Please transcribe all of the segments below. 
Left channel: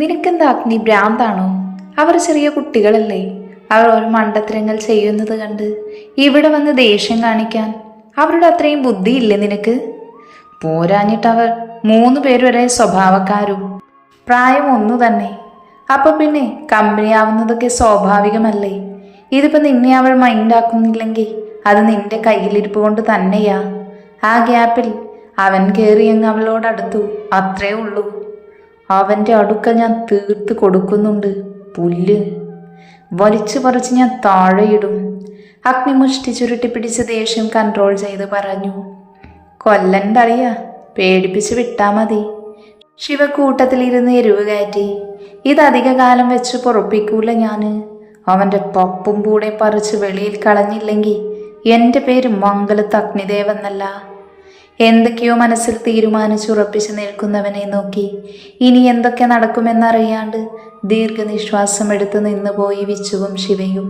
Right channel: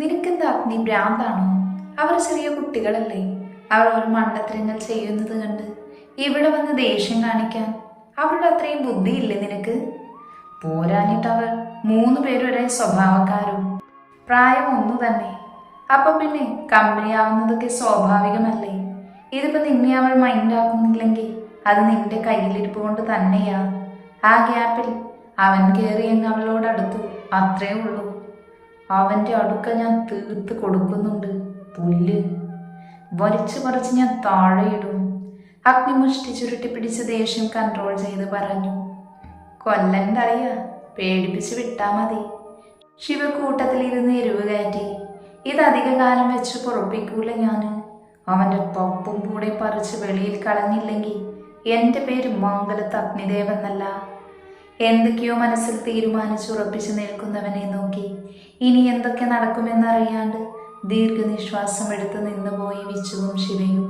നിനക്കെന്താ അഗ്നി ഭ്രാന്താണോ? അവർ ചെറിയ കുട്ടികളല്ലേ? അവർ ഒരു മണ്ടത്തരങ്ങൾ ചെയ്യുന്നത് കണ്ട് ഇവിടെ വന്ന് ദേഷ്യം കാണിക്കാൻ അവരുടെ അത്രയും ബുദ്ധിയില്ലേ നിനക്ക്? പോരാഞ്ഞിട്ടവർ 3 പേരും ഒരേ സ്വഭാവക്കാരും, പ്രായം ഒന്നു തന്നെ. അപ്പൊ പിന്നെ കമ്പനിയാവുന്നതൊക്കെ സ്വാഭാവികമല്ലേ? ഇതിപ്പോ നിന്നെ അവൾ മൈൻഡാക്കുന്നില്ലെങ്കിൽ അത് നിന്റെ കയ്യിലിരിപ്പ് കൊണ്ട് തന്നെയാ. ആ ഗ്യാപ്പിൽ അവൻ കയറിയങ്ങ് അവളോടടുത്തു, അത്രേ ഉള്ളൂ. അവൻ്റെ അടുക്ക ഞാൻ തീർത്ത് കൊടുക്കുന്നുണ്ട്. പുല്ല് വലിച്ചു പറിച്ച് ഞാൻ താഴെയിടും. അഗ്നിമുഷ്ടി ചുരുട്ടി പിടിച്ച് ദേഷ്യം കൺട്രോൾ ചെയ്ത് പറഞ്ഞു. കൊല്ലണ്ടറിയ, പേടിപ്പിച്ച് വിട്ടാ മതി. ശിവക്കൂട്ടത്തിലിരുന്ന് എരിവ് കയറ്റി. ഇതധിക കാലം വെച്ച് പൊറപ്പിക്കൂല ഞാന്. അവൻ്റെ പപ്പും കൂടെ പറിച്ച് വെളിയിൽ കളഞ്ഞില്ലെങ്കിൽ എൻ്റെ പേര് മംഗലത്ത് അഗ്നിദേവെന്നല്ല. എന്തൊക്കെയോ മനസ്സിൽ തീരുമാനിച്ചുറപ്പിച്ച് നിൽക്കുന്നവനെ നോക്കി ഇനി എന്തൊക്കെ നടക്കുമെന്നറിയാണ്ട് ദീർഘനിശ്വാസം എടുത്ത് നിന്നുപോയി വിച്ചുവും ശിവയും.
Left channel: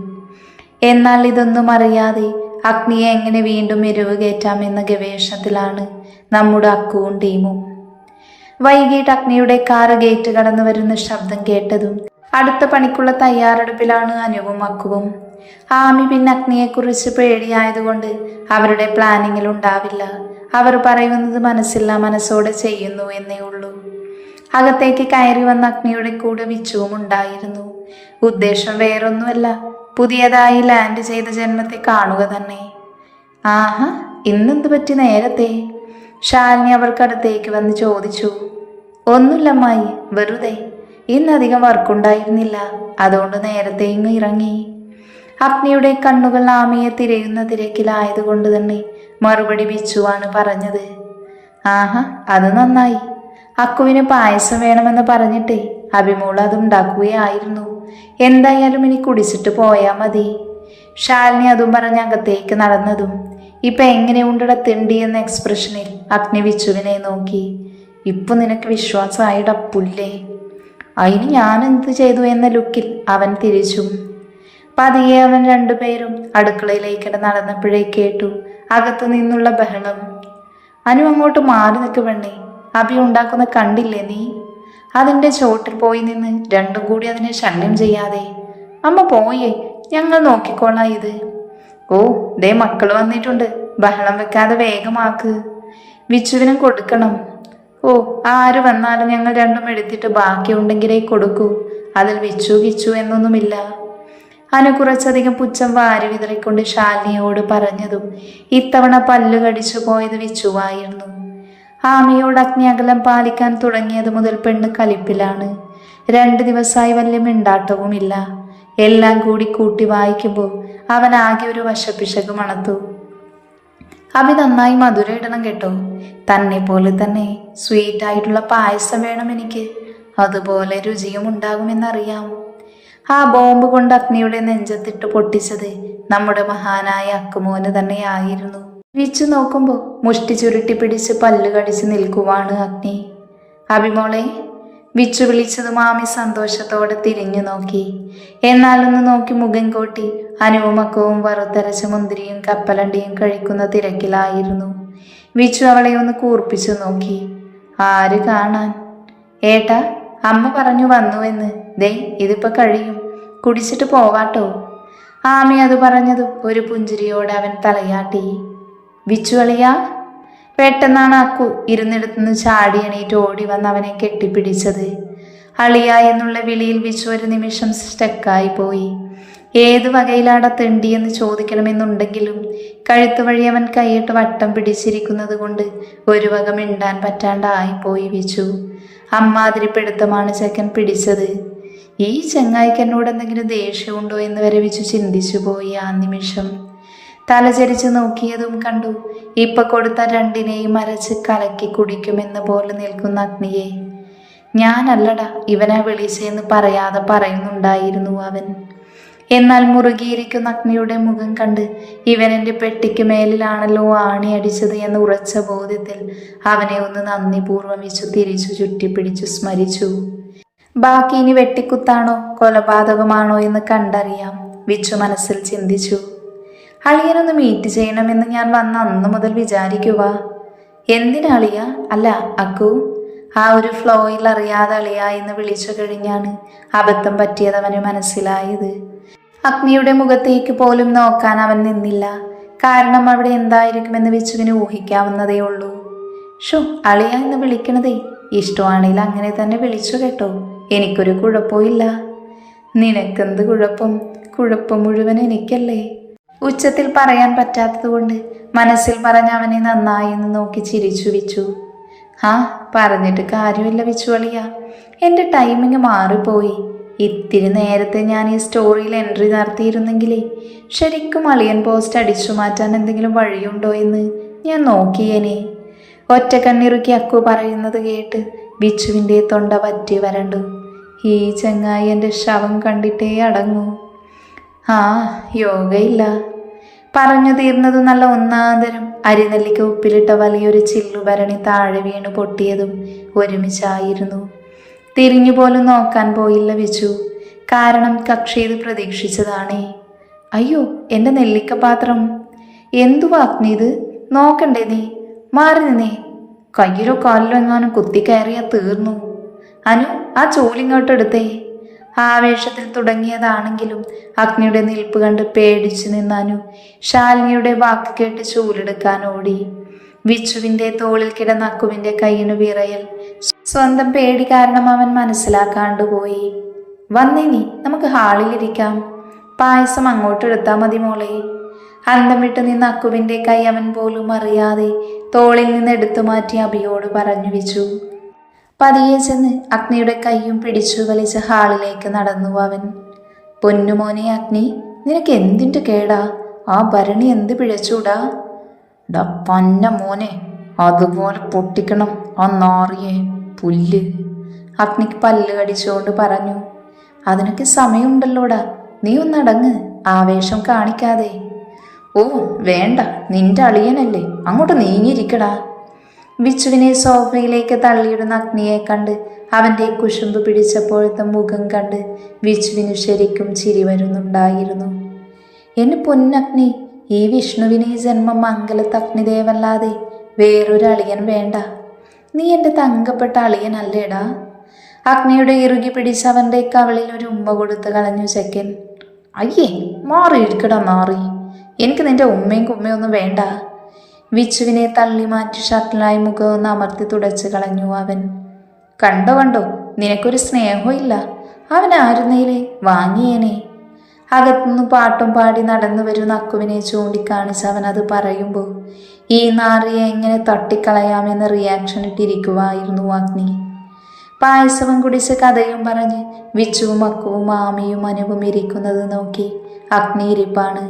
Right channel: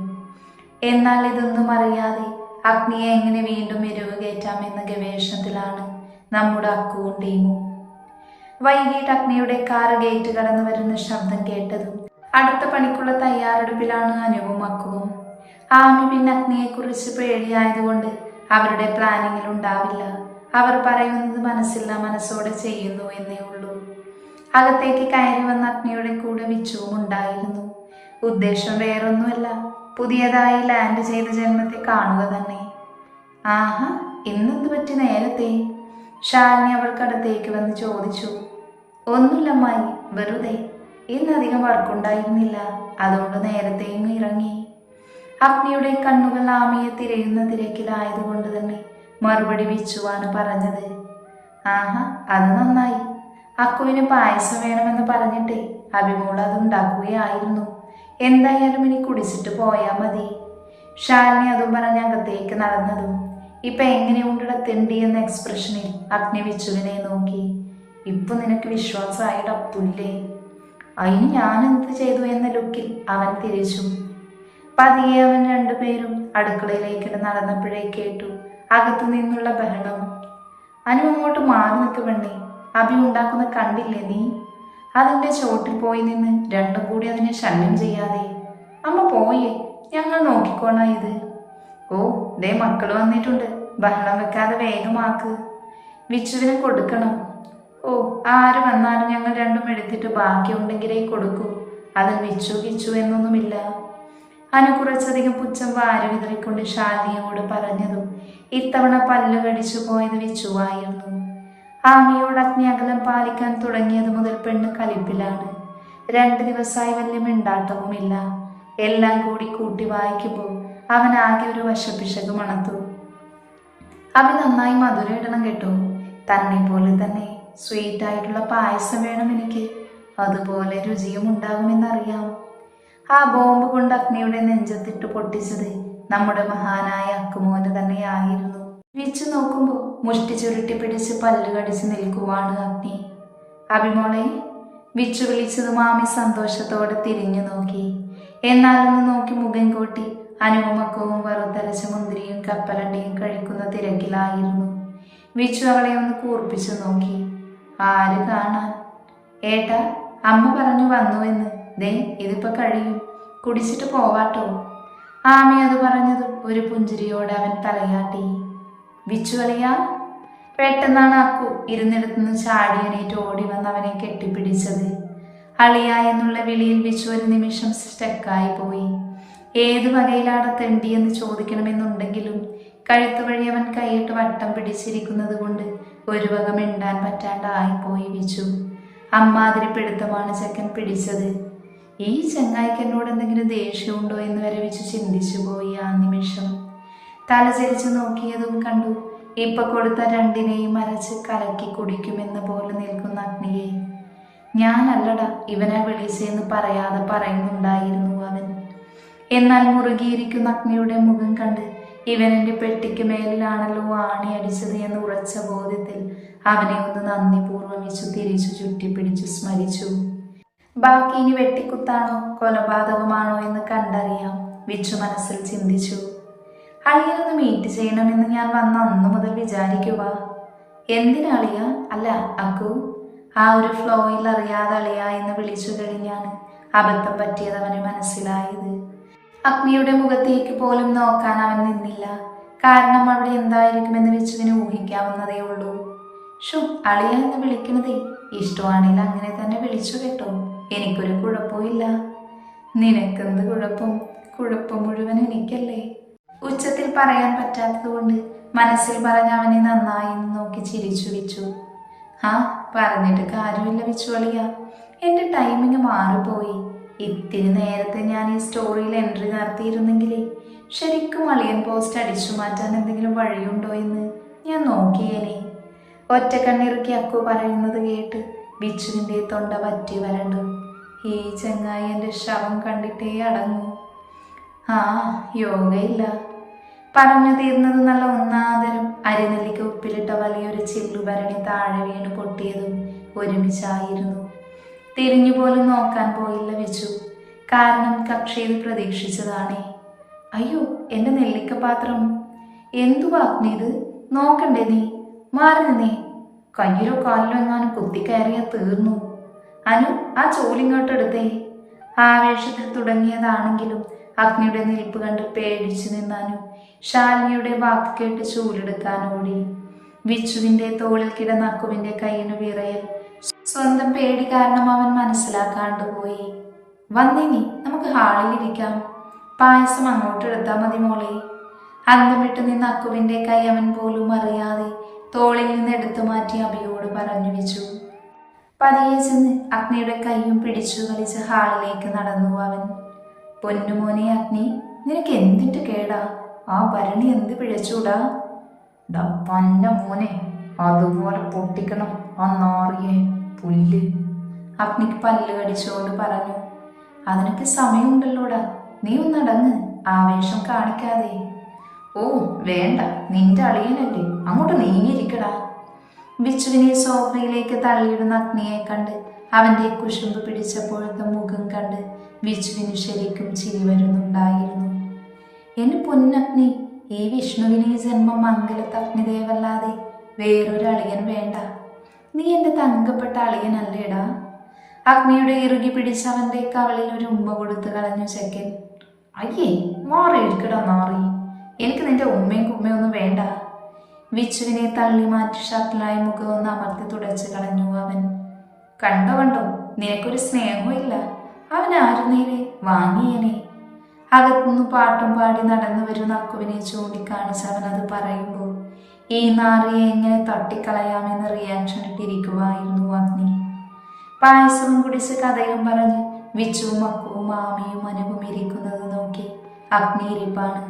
എന്നാൽ ഇതൊന്നും അറിയാതെ അഗ്നിയെ എങ്ങനെ വീണ്ടും എരിവ് കയറ്റാമെന്ന ഗവേഷണത്തിലാണ് നമ്മുടെ അക്കുവും ടീമും. വൈകിട്ട് അഗ്നിയുടെ കാറ് ഗേറ്റ് കടന്നു വരുന്ന ശബ്ദം കേട്ടതും അടുത്ത പണിക്കുള്ള തയ്യാറെടുപ്പിലാണ് അനുവും അക്കുവും. ആമി പിന്നെ അഗ്നിയെക്കുറിച്ച് പേടിയായതുകൊണ്ട് അവരുടെ പ്ലാനിങ്ങിൽ ഉണ്ടാവില്ല. അവർ പറയുന്നത് മനസ്സില്ല മനസ്സോടെ ചെയ്യുന്നു എന്നേ ഉള്ളൂ. അകത്തേക്ക് കയറി വന്ന അഗ്നിയുടെ കൂടെ വിച്ചുവും ഉണ്ടായിരുന്നു. ഉദ്ദേശം വേറൊന്നുമല്ല, പുതിയതായി ലാൻഡ് ചെയ്ത ജന്മത്തെ കാണുക തന്നെ. ആഹാ, ഇന്നെന്ത് പറ്റി നേരത്തെ? ശാലിനി അവർക്കടുത്തേക്ക് വന്ന് ചോദിച്ചു. ഒന്നുമില്ലമ്മായി, വെറുതെ. ഇന്നധികം വർക്കുണ്ടായിരുന്നില്ല, അതുകൊണ്ട് നേരത്തെ ഇങ്ങ് ഇറങ്ങി. അഗ്നിയുടെ കണ്ണുകൾ ആമയെ തിരയുന്ന തിരക്കിലായതുകൊണ്ട് തന്നെ മറുപടി വിച്ചുവാണ് പറഞ്ഞത്. ആഹാ, അത് നന്നായി. അക്കുവിന് പായസം വേണമെന്ന് പറഞ്ഞിട്ടേ അഭിമോൾ അതുണ്ടാക്കുകയായിരുന്നു. എന്തായാലും ഇനി കുടിച്ചിട്ട് പോയാൽ മതി. ശാലിനി അതും പറഞ്ഞ് അകത്തേക്ക് നടന്നതും ഇപ്പൊ എങ്ങനെയുണ്ടട തെണ്ടി എന്ന എക്സ്പ്രഷനിൽ അഗ്നി വിച്ചുവിനെ നോക്കി. ഇപ്പൊ നിനക്ക് വിശ്വാസമായിട പുല്ലേ. അതിന് ഞാൻ എന്ത് ചെയ്തു എന്ന ലുക്കിൽ അവൻ തിരിച്ചു. പതിയെ അവൻ 2 പേരും അടുക്കളയിലേക്ക് നടന്നപ്പോഴേ കേട്ടു അകത്തു നിന്നുള്ള ബഹളം. അനു, അങ്ങോട്ട് മാറി നിൽക്ക് പെണ്ണേ. അഭി ഉണ്ടാക്കുന്ന കണ്ടില്ലേ നീ? അതിൻ്റെ ചോട്ടിൽ പോയി നിന്ന് 2ഉം കൂടി അതിനെ ശല്യം ചെയ്യാതെ. അമ്മ പോയേ, ഞങ്ങൾ നോക്കിക്കോളാം ഇത്. ഓ, ദേ മക്കൾ വന്നിട്ടുണ്ട്, ബഹളം വെക്കാതെ വേഗമാക്ക്. വിച്ചുവിന് കൊടുക്കണം. ഓ, ആര് വന്നാലും ഞങ്ങൾ 2ഉം എടുത്തിട്ട് ബാക്കിയുണ്ടെങ്കിലേ കൊടുക്കൂ. അതിൽ വിച്ചു വിച്ചു എന്നൊന്നുമില്ല. അനു കുറച്ചധികം പുച്ഛം വാരി വിതറിക്കൊണ്ട് ശാലിനിയോട് പറഞ്ഞതും ഇത്തവണ പല്ല് കടിച്ചു പോയത് വിച്ചുവായിരുന്നു. ആമയോട് അഗ്നി അകലം പാലിക്കാൻ തുടങ്ങിയത് മുതൽ പെണ്ണ് കലിപ്പിലാണ്. 2 ദിവസമായി വലിയ മിണ്ടാട്ടവുമില്ല. എല്ലാം കൂടി കൂട്ടി വായിക്കുമ്പോൾ അവൻ ആകെ ഒരു വശപ്പിശക് മണത്തു. അഭി നന്നായി മധുര ഇടണം കേട്ടോ. തന്നെ പോലെ തന്നെ സ്വീറ്റായിട്ടുള്ള പായസം വേണം എനിക്ക്. അതുപോലെ രുചിയും ഉണ്ടാകുമെന്നറിയാം. ആ ബോംബ് കൊണ്ട് അഗ്നിയുടെ നെഞ്ചത്തിട്ട് പൊട്ടിച്ചത് നമ്മുടെ മഹാനായ അക്കുമോന് തന്നെയായിരുന്നു. വിച്ചു നോക്കുമ്പോൾ മുഷ്ടി ചുരുട്ടി പിടിച്ച് പല്ല് കടിച്ച് നിൽക്കുവാണ് അഗ്നി. അഭിമോളെ, വിച്ചു വിളിച്ചത് മാമി സന്തോഷത്തോടെ തിരിഞ്ഞു നോക്കി. എന്നാലൊന്ന് നോക്കി മുഖം കോട്ടി അനുവും അക്കവും വറുത്തരച്ച മുന്തിരിയും കപ്പലണ്ടിയും കഴിക്കുന്ന തിരക്കിലായിരുന്നു. വിച്ചു അവളെ ഒന്ന് കൂർപ്പിച്ചു നോക്കി. ആര് കാണാൻ? ഏട്ടാ, അമ്മ പറഞ്ഞു വന്നുവെന്ന്. ദേ, ഇതിപ്പോ കഴിയും, കുടിച്ചിട്ട് പോവാട്ടോ. ആമി അത് പറഞ്ഞതും ഒരു പുഞ്ചിരിയോടെ അവൻ തലയാട്ടി. വിച്ചു അളിയാ. പെട്ടെന്നാണ് അക്കു ഇരുന്നിടത്തുനിന്ന് ചാടി എണീറ്റ് ഓടി വന്ന് അവനെ കെട്ടിപ്പിടിച്ചത്. അളിയ എന്നുള്ള വിളിയിൽ വിച്ചു ഒരു നിമിഷം സ്റ്റക്കായി പോയി. ഏത് വകയിലാട തെണ്ടിയെന്ന് ചോദിക്കണമെന്നുണ്ടെങ്കിലും കഴുത്തു വഴി അവൻ കൈയിട്ട് വട്ടം പിടിച്ചിരിക്കുന്നത് കൊണ്ട് ഒരു വക മിണ്ടാൻ പറ്റാണ്ടായിപ്പോയി വിച്ചു. അമ്മാതിരിപ്പെടുത്തമാണ് ചെക്കൻ പിടിച്ചത്. ഈ ചെങ്ങായിക്ക് എന്നോട് എന്തെങ്കിലും ദേഷ്യമുണ്ടോ എന്ന് വരെ വിച്ചു ചിന്തിച്ചു പോയി ആ നിമിഷം. തലചരിച്ച് നോക്കിയതും കണ്ടു ഇപ്പൊ കൊടുത്ത 2നെയും അരച്ച് കലക്കി കുടിക്കുമെന്ന് പോലെ നിൽക്കുന്ന അഗ്നിയെ. ഞാനല്ലടാ ഇവനാ വിളിച്ചെന്ന് പറയാതെ പറയുന്നുണ്ടായിരുന്നു അവൻ. എന്നാൽ മുറുകിയിരിക്കുന്ന അഗ്നിയുടെ മുഖം കണ്ട് ഇവൻ എൻ്റെ പെട്ടിക്ക് മേലിലാണല്ലോ ആണി അടിച്ചത് എന്ന ഉറച്ച ബോധ്യത്തിൽ അവനെ ഒന്ന് നന്ദിപൂർവ്വം വെച്ചു തിരിച്ചു ചുറ്റിപ്പിടിച്ചു സ്മരിച്ചു. ബാക്കി ഇനി വെട്ടിക്കുത്താണോ കൊലപാതകമാണോ എന്ന് കണ്ടറിയാം, വിച്ചു മനസ്സിൽ ചിന്തിച്ചു. അളിയനൊന്ന് മീറ്റ് ചെയ്യണമെന്ന് ഞാൻ വന്ന അന്ന് മുതൽ വിചാരിക്കുക. എന്തിനാളിയ? അല്ല അക്കു, ആ ഒരു ഫ്ലോയിൽ അറിയാതെ അളിയ എന്ന് വിളിച്ചു കഴിഞ്ഞാണ് അബദ്ധം പറ്റിയത് അവന് മനസ്സിലായത്. അഗ്നിയുടെ മുഖത്തേക്ക് പോലും നോക്കാൻ അവൻ നിന്നില്ല. കാരണം അവിടെ എന്തായിരിക്കുമെന്ന് വിച്ചുവിന് ഊഹിക്കാവുന്നതേ ഉള്ളൂ. ഷോ, അളിയ എന്ന് വിളിക്കണതേ ഇഷ്ടമാണെങ്കിൽ അങ്ങനെ തന്നെ വിളിച്ചു കേട്ടോ, എനിക്കൊരു കുഴപ്പമില്ല. നിനക്കെന്ത് കുഴപ്പം? കുഴപ്പം മുഴുവൻ എനിക്കല്ലേ. ഉച്ചത്തിൽ പറയാൻ പറ്റാത്തതുകൊണ്ട് മനസ്സിൽ പറഞ്ഞ അവനെ നന്നായി എന്ന് നോക്കി ചിരിച്ചു വിച്ചു. ആ, പറഞ്ഞിട്ട് കാര്യമില്ല വിച്ചു അളിയ, എൻ്റെ ടൈമിങ് മാറിപ്പോയി. ഇത്തിരി നേരത്തെ ഞാൻ ഈ സ്റ്റോറിയിൽ എൻട്രി നടത്തിയിരുന്നെങ്കിലേ ശരിക്കും അളിയൻ പോസ്റ്റ് അടിച്ചു മാറ്റാൻ എന്തെങ്കിലും വഴിയുണ്ടോ എന്ന് ഞാൻ നോക്കിയേനെ. ഒറ്റ കണ്ണിറുക്കി അക്കു പറയുന്നത് കേട്ട് ബിച്ചുവിൻ്റെ തൊണ്ട പറ്റി വരണ്ടു. ഈ ചങ്ങായി എൻ്റെ ശവം കണ്ടിട്ടേ അടങ്ങൂ. ആ, യോഗയില്ല. പറഞ്ഞു തീർന്നതും നല്ല ഒന്നാന്തരം അരിനെല്ലിക്ക് ഉപ്പിലിട്ട വലിയൊരു ചില്ലുഭരണി താഴെ വീണ് പൊട്ടിയതും ഒരുമിച്ചായിരുന്നു. തിരിഞ്ഞുപോലും നോക്കാൻ പോയില്ല വിച്ചു. കാരണം കക്ഷി ഇത് പ്രതീക്ഷിച്ചതാണേ. അയ്യോ, എൻ്റെ നെല്ലിക്കപാത്രം! എന്തുവാ അഗ്നി ഇത്? നോക്കണ്ടേ നീ? മാറി നിന്നേ. കയ്യിലോ കാലിലോ എങ്ങാനും കുത്തിക്കയറിയാ തീർന്നു. അനു, ആ ചോലിങ്ങോട്ടെടുത്തേ. ആവേശത്തിൽ തുടങ്ങിയതാണെങ്കിലും അഗ്നിയുടെ നിൽപ്പ് കണ്ട് പേടിച്ചു നിന്നാനു ശാലിനിയുടെ വാക്ക് കേട്ട് ചൂലെടുക്കാൻ ഓടി. വിച്ചുവിൻ്റെ തോളിൽ കിടന്ന അക്കുവിൻ്റെ കയ്യിനു വിറയൽ സ്വന്തം പേടി കാരണം അവൻ മനസ്സിലാക്കാണ്ടുപോയി. വന്നേനി, നമുക്ക് ഹാളിലിരിക്കാം. പായസം അങ്ങോട്ടെടുത്താൽ മതി മോളെ. അന്തം വിട്ട് നിന്ന് അക്കുവിൻ്റെ കൈ അവൻ പോലും അറിയാതെ തോളിൽ നിന്ന് എടുത്തു മാറ്റി അഭിയോട് പറഞ്ഞു വെച്ചു. പതിയെ ചെന്ന് അഗ്നിയുടെ കൈയും പിടിച്ചു വലിച്ച് ഹാളിലേക്ക് നടന്നു അവൻ. പൊന്നുമോനെ അഗ്നി, നിനക്ക് എന്തിൻ്റെ കേടാ? ആ ഭരണി എന്ത് പിഴച്ചൂടാ? ഡാ പന്ന മോനെ, അതുപോലെ പൊട്ടിക്കണം ആ നാറിയെ പുല്ല്. അഗ്നിക്ക് പല്ല് കടിച്ചുകൊണ്ട് പറഞ്ഞു. അതിനൊക്കെ സമയമുണ്ടല്ലോടാ, നീ ഒന്നടങ്ങ്, ആവേശം കാണിക്കാതെ. ഓ വേണ്ട, നിന്റെ അളിയനല്ലേ, അങ്ങോട്ട് നീങ്ങിയിരിക്കടാ. ബിച്ചുവിനെ സോഫയിലേക്ക് തള്ളിയിടുന്ന അഗ്നിയെ കണ്ട് അവൻ്റെ കുശുമ്പ് പിടിച്ചപ്പോഴത്തെ മുഖം കണ്ട് ബിച്ചുവിന് ശരിക്കും ചിരി വരുന്നുണ്ടായിരുന്നു. എന്നെ പൊന്നഗ്നി, ഈ വിഷ്ണുവിന് ഈ ജന്മം മംഗലത്ത് അഗ്നിദേവല്ലാതെ വേറൊരു അളിയൻ വേണ്ട. നീ എൻ്റെ തങ്കപ്പെട്ട അളിയനല്ലേടാ. അഗ്നിയുടെ ഇറുകി പിടിച്ച് അവൻ്റെ കവളിൽ ഒരു ഉമ്മ കൊടുത്ത് കളഞ്ഞു ചെക്കൻ. അയ്യേ, മാറിയിരിക്കടാ നാറി, എനിക്ക് നിന്റെ ഉമ്മയും കുമ്മയൊന്നും വേണ്ട. വിച്ചുവിനെ തള്ളി മാറ്റി ഷട്ടിലായി മുഖമൊന്ന് അമർത്തി തുടച്ച് കളഞ്ഞു അവൻ. കണ്ടോ കണ്ടോ, നിനക്കൊരു സ്നേഹവും ഇല്ല. അവൻ ആരുന്നേലെ വാങ്ങിയേനെ. അകത്തുനിന്ന് പാട്ടും പാടി നടന്നു വരുന്ന അക്കുവിനെ ചൂണ്ടിക്കാണിച്ച് അവൻ അത് പറയുമ്പോൾ ഈ നാറിയെ എങ്ങനെ തട്ടിക്കളയാമെന്ന് റിയാക്ഷൻ ഇട്ടിരിക്കുവായിരുന്നു അഗ്നി. പായസവും കുടിച്ച് കഥയും പറഞ്ഞ് വിച്ചുവും അക്കുവും മാമിയും അനുവും ഇരിക്കുന്നത് നോക്കി അഗ്നി ഇരിപ്പാണ്.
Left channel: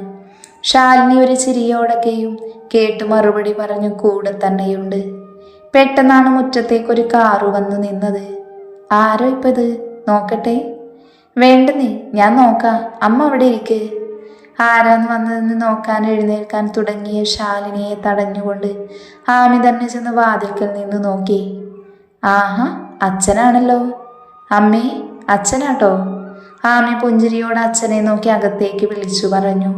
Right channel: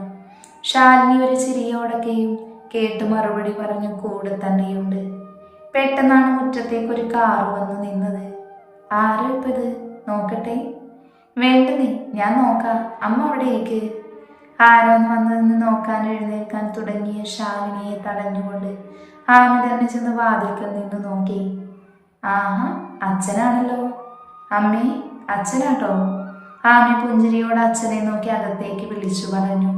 ശാലിനി ഒരു ചിരിയോടൊക്കെയും കേട്ട് മറുപടി പറഞ്ഞു കൂടെ തന്നെയുണ്ട്. പെട്ടെന്നാണ് മുറ്റത്തേക്കൊരു കാറ് വന്ന് നിന്നത്. ആരോ ഇപ്പത്? നോക്കട്ടെ. വേണ്ടെന്നേ, ഞാൻ നോക്കാം, അമ്മ അവിടെ ഇരിക്ക്. ആരാന്ന് വന്നതെന്ന് നോക്കാൻ എഴുന്നേൽക്കാൻ തുടങ്ങിയ ശാലിനിയെ തടഞ്ഞുകൊണ്ട് ആമി തന്നെ ചെന്ന് വാതിൽക്കൽ നിന്ന് നോക്കി. ആഹാ, അച്ഛനാണല്ലോ. അമ്മേ, അച്ഛനാട്ടോ. ആമി പുഞ്ചിരിയോട് അച്ഛനെ നോക്കി അകത്തേക്ക് വിളിച്ചു പറഞ്ഞു.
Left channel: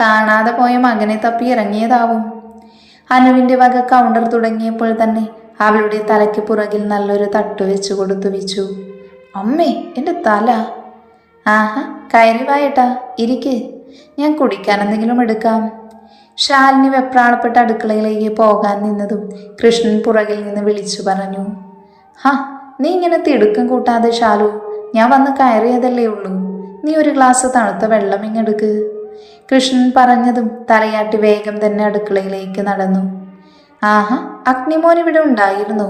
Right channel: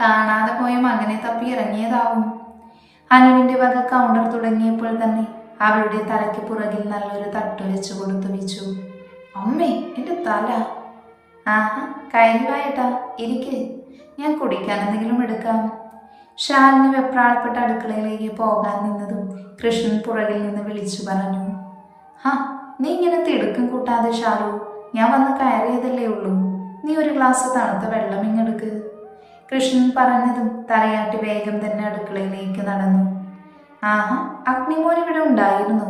കാണാതെ പോയ മകനെ തപ്പി ഇറങ്ങിയതാവും. അനുവിൻ്റെ വക കൗണ്ടർ തുടങ്ങിയപ്പോൾ തന്നെ അവളുടെ തലയ്ക്ക് പുറകിൽ നല്ലൊരു തട്ട് വെച്ചു കൊടുത്തു വിച്ചു. അമ്മേ, എൻ്റെ തല. ആഹാ, കയറി വായേട്ടാ, ഇരിക്ക്, ഞാൻ കുടിക്കാൻ എന്തെങ്കിലും എടുക്കാം. ശാലിനി വെപ്രാളപ്പെട്ട അടുക്കളയിലേക്ക് പോകാൻ നിന്നതും കൃഷ്ണൻ പുറകിൽ നിന്ന് വിളിച്ചു പറഞ്ഞു. ഹാ, നീ ഇങ്ങനെ തിടുക്കം കൂട്ടാതെ ശാലു, ഞാൻ വന്ന് കയറിയതല്ലേ ഉള്ളൂ. നീ ഒരു ഗ്ലാസ് തണുത്ത വെള്ളം ഇങ്ങെടുക്ക്. കൃഷ്ണൻ പറഞ്ഞതും തലയാട്ടി വേഗം തന്നെ അടുക്കളയിലേക്ക് നടന്നു. ആഹാ, അഗ്നിമോൻ ഇവിടെ ഉണ്ടായിരുന്നു.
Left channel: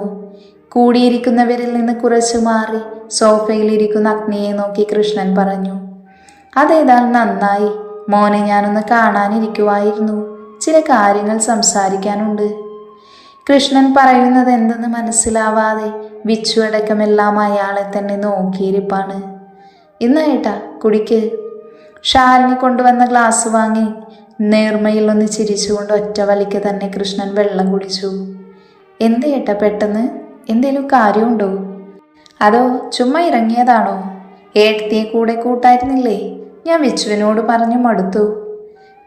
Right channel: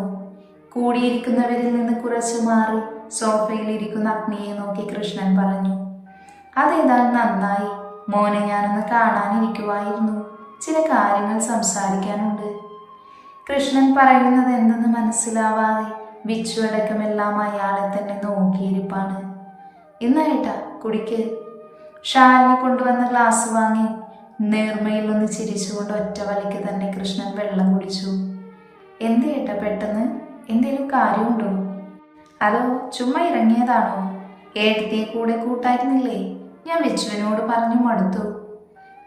കൂടിയിരിക്കുന്നവരിൽ നിന്ന് കുറച്ചു മാറി സോഫയിലിരിക്കുന്ന അഗ്നിയെ നോക്കി കൃഷ്ണൻ പറഞ്ഞു. അതേതായാലും നന്നായി മോനെ, ഞാനൊന്ന് കാണാനിരിക്കുവായിരുന്നു. ചില കാര്യങ്ങൾ സംസാരിക്കാനുണ്ട്. കൃഷ്ണൻ പറയുന്നത് എന്തെന്ന് മനസ്സിലാവാതെ വിച്ചു അടക്കമെല്ലാം അയാളെ തന്നെ നോക്കിയിരിപ്പാണ്. ഇന്നായിട്ടാ കുടിക്ക്. ശാലിനി കൊണ്ടുവന്ന ഗ്ലാസ് വാങ്ങി നേർമയിൽ ഒന്ന് ചിരിച്ചുകൊണ്ട് ഒറ്റ വലിക്ക് തന്നെ കൃഷ്ണൻ വെള്ളം കുടിച്ചു. എന്തേട്ടാ പെട്ടെന്ന്? എന്തേലും കാര്യമുണ്ടോ? അതോ ചുമ്മാ ഇറങ്ങിയതാണോ? ഏട്ടത്തിയെ കൂടെ കൂട്ടായിരുന്നില്ലേ? ഞാൻ വിച്ചുവിനോട് പറഞ്ഞു മടുത്തു.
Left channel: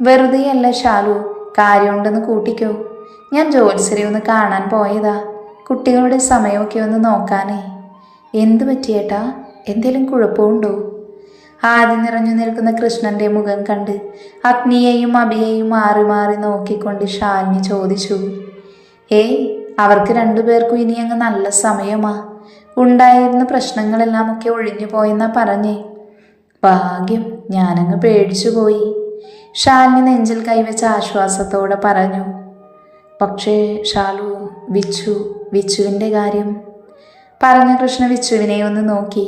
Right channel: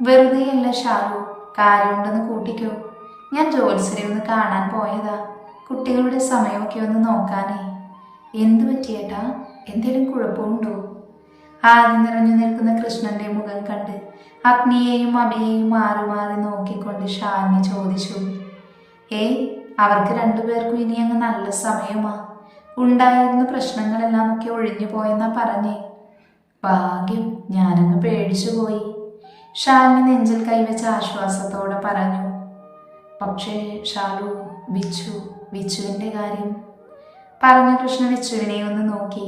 വെറുതെയല്ല ശാലു, കാര്യമുണ്ടെന്ന് കൂട്ടിക്കോ. ഞാൻ ജോത്സരി ഒന്ന് കാണാൻ പോയതാ. കുട്ടികളുടെ സമയമൊക്കെ ഒന്ന് നോക്കാനേ. എന്തു പറ്റിയേട്ടാ? എന്തേലും കുഴപ്പമുണ്ടോ? ആദ്യം നിറഞ്ഞു നിൽക്കുന്ന കൃഷ്ണന്റെ മുഖം കണ്ട് അഗ്നിയെയും അഭിയെയും മാറി മാറി നോക്കിക്കൊണ്ട് ശാലിനി ചോദിച്ചു. ഏയ്, അവർക്ക് രണ്ടുപേർക്കും ഇനി അങ്ങ് നല്ല സമയമാ. ഉണ്ടായിരുന്ന പ്രശ്നങ്ങളെല്ലാം ഒക്കെ ഒഴിഞ്ഞു പോയെന്നാ പറഞ്ഞേ. ഭാഗ്യം, ഞാനങ്ങ് പേടിച്ചു പോയി. ശാലിനി നെഞ്ചിൽ കൈവച്ച ആശ്വാസത്തോടെ പറഞ്ഞു. പക്ഷേ ഷാലു, വിച്ചുവിൻ്റെ കാര്യം പറഞ്ഞ കൃഷ്ണ വിച്ചുവിനെ ഒന്ന് നോക്കി.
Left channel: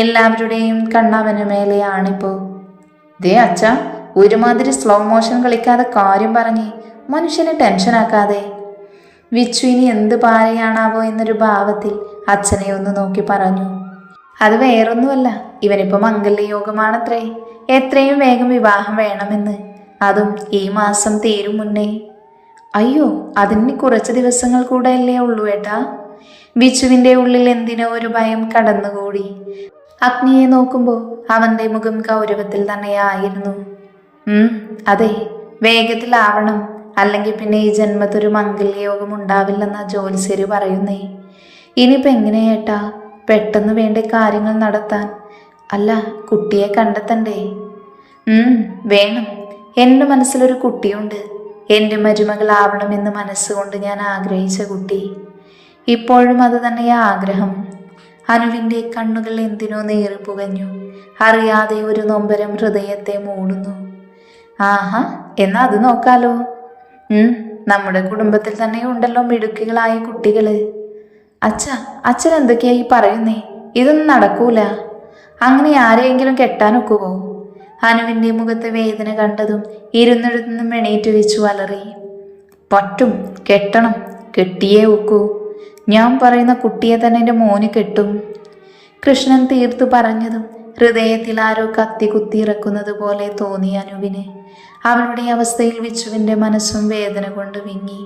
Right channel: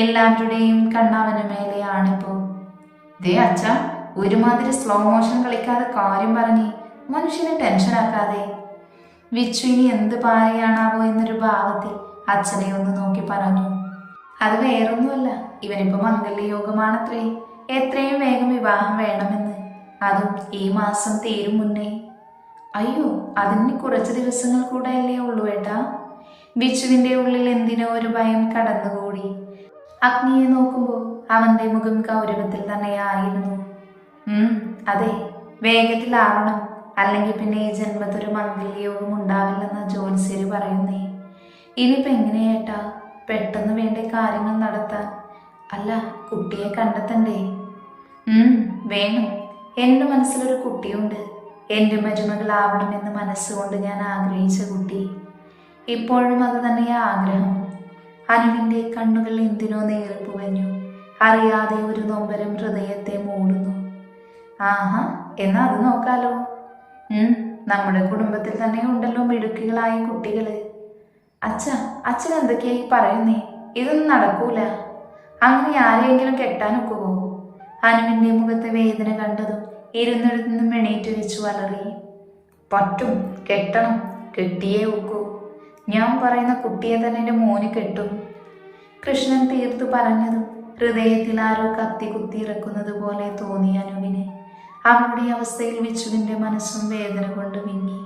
എല്ലാവരുടെയും കണ്ണവന് മേലെയാണിപ്പോ. ദേ അച്ഛ, ഒരുമാതിരി സ്ലോ മോഷൻ കളിക്കാതെ കാര്യം പറഞ്ഞ് മനുഷ്യനെ ടെൻഷനാക്കാതെ. വിച്ചു ഇനി എന്ത് പാരയാണാവോ എന്നൊരു ഭാവത്തിൽ അച്ഛനെ ഒന്ന് നോക്കി പറഞ്ഞു. അത് വേറൊന്നുമല്ല, ഇവനിപ്പോൾ മംഗല്യയോഗമാണത്രേ. എത്രയും വേഗം വിവാഹം വേണമെന്ന്, അതും ഈ മാസം തീരും മുന്നേ. അയ്യോ, അതിന് കുറച്ച് ദിവസങ്ങൾ കൂടെയല്ലേ ഉള്ളൂ ഏട്ടാ. വിച്ചുവിൻ്റെ ഉള്ളിൽ എന്തിനോ ഒരു ഭയം കടന്നുകൂടി. അഗ്നിയെ നോക്കുമ്പോൾ അവൻ്റെ മുഖം ഗൗരവത്തിൽ തന്നെയായിരുന്നു. അതെ, വേഗത്തിലാവണം, അല്ലെങ്കിൽ പിന്നെ ഈ ജന്മത്തൊരു മംഗല്യയോഗം ഉണ്ടാവില്ലെന്നാ ജ്യോത്സ്യര് പറയുന്നേ. ഇനിയിപ്പോൾ എങ്ങനെയേട്ടാ പെട്ടെന്ന് വേണ്ട കാര്യങ്ങൾ നടത്താൻ? അല്ല, കുട്ടിയെ കണ്ടെത്തണ്ടേ? വേണം. എൻ്റെ മനസ്സിലൊരു കുട്ടിയുണ്ട്. എൻ്റെ മരുമകളാവണമെന്ന് മനസ്സുകൊണ്ട് ഞാൻ ആഗ്രഹിച്ച കുട്ടി. ഇപ്പോഴും അത് തന്നെയാ ആഗ്രഹം. അനുവിൻ്റെ കണ്ണുകൾ എന്തിനോ നീറിപ്പുകഞ്ഞു. അറിയാതെ ഒരു നൊമ്പരം ഹൃദയത്തെ മൂടുന്നു. ആഹാ, എന്നാ അത് നോക്കാലോ. നമ്മുടെ കുടുംബത്തിൽ തന്നെ ഉണ്ടല്ലോ മിടുക്കികളായ കുട്ടികള്. അച്ഛൻ എന്തൊക്കെയായി പറയുന്നേ? ഇതൊന്നും നടക്കൂല. അങ്ങനെ ആരെയെങ്കിലും കെട്ടാനൊക്കുവോ? അനുവിൻ്റെ മുഖത്തെ വേദന കണ്ടതും ഇരുന്നിടത്തുനിന്നും എണീറ്റ് വെച്ചു അലറി. പറ്റും, കെട്ടണം, കെട്ടിയേ ഒക്കൂ. ഞാൻ പറയുന്ന കുട്ടിയെ തന്നെ എൻ്റെ മോന് കെട്ടും. കൃഷ്ണൻ തീർത്തു പറഞ്ഞതും ഹൃദയത്തിൽ ആരോ കത്തി കുത്തിയിറക്കുന്നത് പോലെ തോന്നി അനുവിന്. അവളുടെ അവസ്ഥയിൽ വിച്ചുവിൻ്റെ മനസ്സും വേദന കൊണ്ട് വിങ്ങി.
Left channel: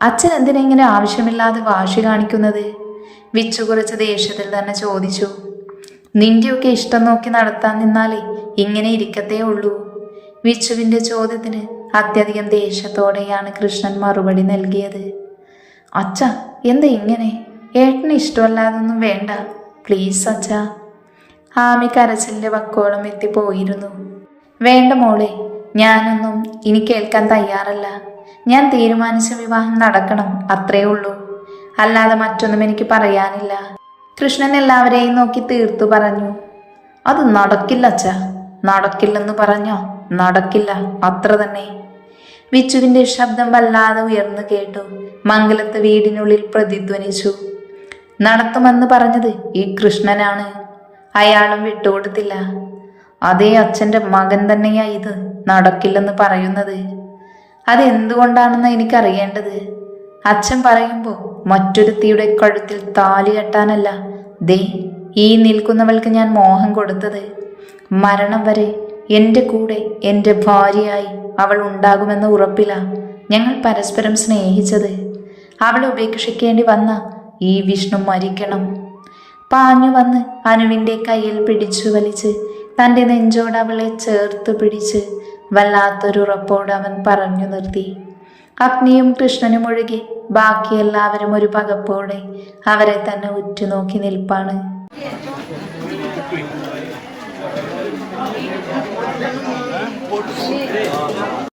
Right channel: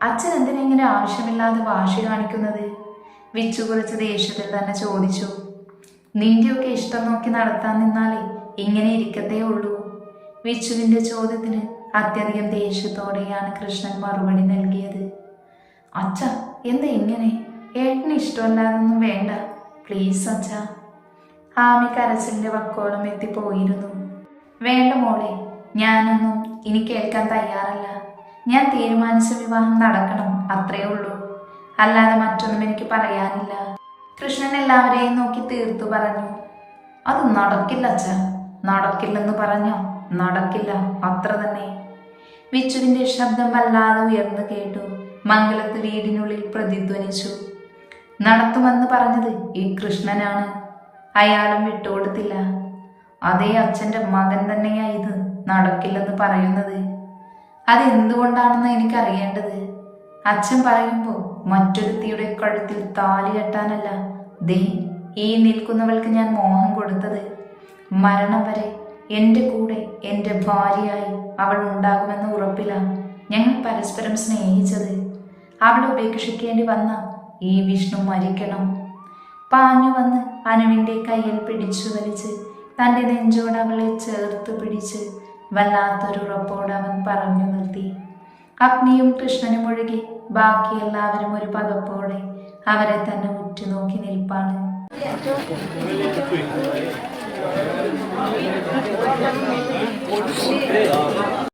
അച്ഛൻ എന്തിനെങ്ങനെ ആവശ്യമില്ലാതെ വാശി കാണിക്കുന്നത്? വിച്ചു കുറച്ച് ദേഷ്യത്തിൽ തന്നെ ചോദിച്ചു. നിന്റെയൊക്കെ ഇഷ്ടം നോക്കി നടത്താൻ നിന്നാലേ ഇങ്ങനെ ഇരിക്കത്തേ ഉള്ളൂ. വിച്ചുവിൻ്റെ ചോദ്യത്തിന് അത്യധികം ദേഷ്യത്തോടെയാണ് കൃഷ്ണൻ മറുപടി നൽകിയത്. അച്ഛ, എന്താ ഇങ്ങനെ? ഏട്ടന് ഇഷ്ടമല്ലാതൊന്നും വേണ്ട, പ്ലീസ് അച്ഛ. ആമി കരച്ചിലിൻ്റെ വക്കോളം എത്തിപ്പോയിരുന്നു. വേണ്ട മോളെ, ഞാനൊന്നും ഇനി കേൾക്കാൻ തയ്യാറല്ല. ഞാൻ തീരുമാനിച്ച വിവാഹം നടക്കണം, അത്രേ ഉള്ളൂ. അല്ലാതെ മറ്റൊന്നും എനിക്ക് പറയാനില്ല. കൃഷ്ണൻ എല്ലാവരെയും നോക്കി തീർത്തു പറഞ്ഞു. അത് നടക്കില്ല അച്ഛ. നടക്കില്ലെന്ന് പറഞ്ഞോ? നടക്കില്ല, അത്ര തന്നെ. വിച്ചുവിൻ്റെ ശബ്ദം വല്ലാതെ ഉയർന്നു കേട്ടു. മംഗലത്ത് വീടിനുള്ളിൽ പ്രതിധ്വനിച്ചു. നടത്തുമെന്ന് പറഞ്ഞത് ഈ കൃഷ്ണനാണ്. അയാളും വിട്ടുകൊടുത്തില്ല. അതേ അച്ഛൻ്റെ മകൻ തന്നെയാ ഇത് നടക്കില്ലെന്ന് പറയുന്നത്. അതെന്തുകൊണ്ടാണെന്ന് എനിക്കറിയേണ്ടത്. അച്ഛൻ പറയുമ്പോൾ മറ്റൊരുത്തിയുടെ കഴുത്തിൽ താലി കെട്ടാനല്ല, ദേ ഈ നിൽക്കുന്നവൾക്ക് ഞാൻ മോഹം കൊടുത്തത്. മരണം വരെ എൻ്റെ കൂടെ എൻ്റെ ഭാര്യയായി അവൾ ഉണ്ടാകുമെന്ന ഉറപ്പില്ല ഞങ്ങൾ പരസ്പരം സ്നേഹിച്ചത്. അവളെ ഉപേക്ഷിക്കേണ്ടി വന്ന ഈ വിഷ്ണു മരിക്കണം. പാഞ്ഞു വന്ന് അനുവിൻ്റെ കയ്യിൽ പിടിച്ചു വലിച്ച് തൻ്റെ നെഞ്ചോട് അവളെ ചേർത്ത് പിടിച്ച് വല്ലാത്തൊരുറപ്പോട് അവൻ പറഞ്ഞു നിർത്തി. അഗ്നിയും കൃഷ്ണനും ഒഴികെ ബാക്കി എല്ലാവരും ഒരു പകപ്പോടെ അവരെ തന്നെ ഉറ്റുനോക്കി നിൽപ്പാണ്.